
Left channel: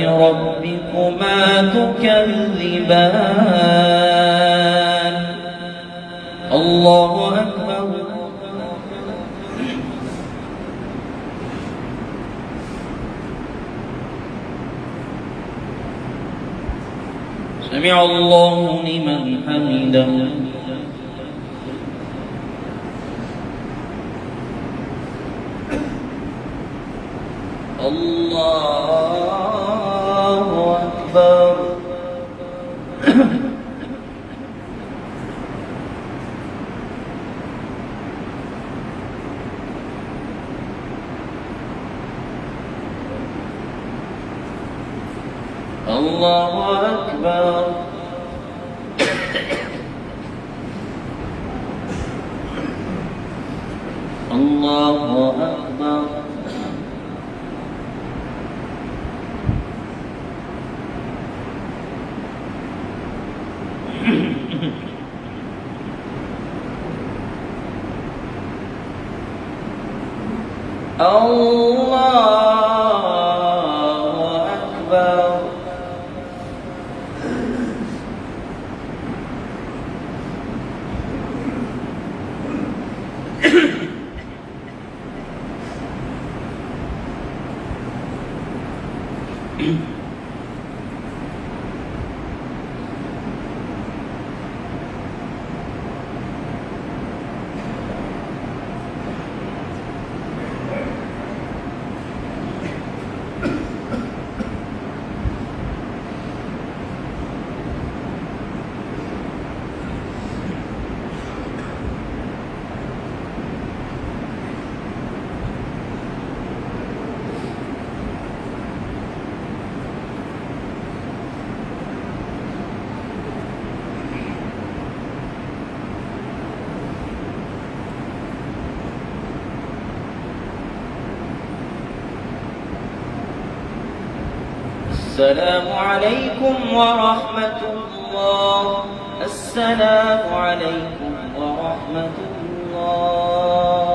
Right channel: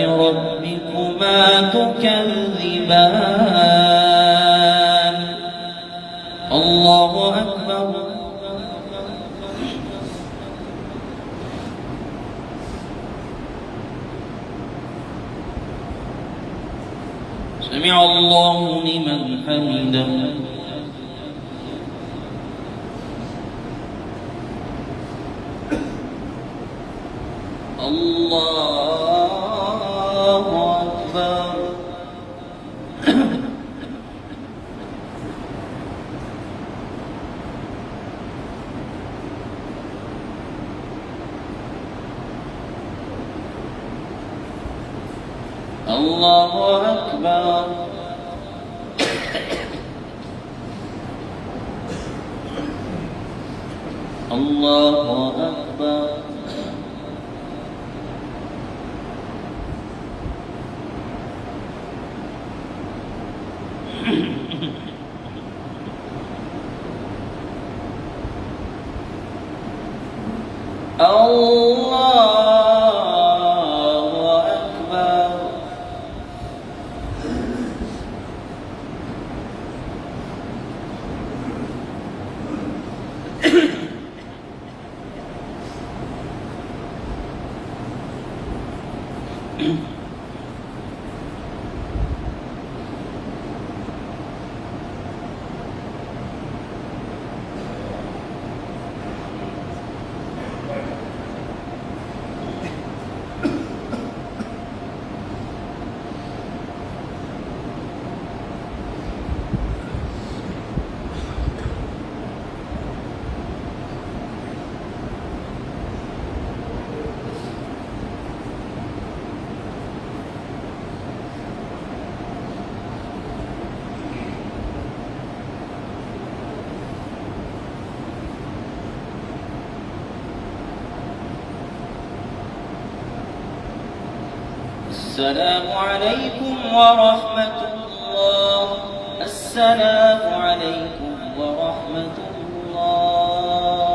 ربكما تكذبان الله أكبر سمع الله لمن حمده الله أكبر الله أكبر الله أكبر الله أكبر السلام عليكم ورحمة الله السلام عليكم ورحمة الله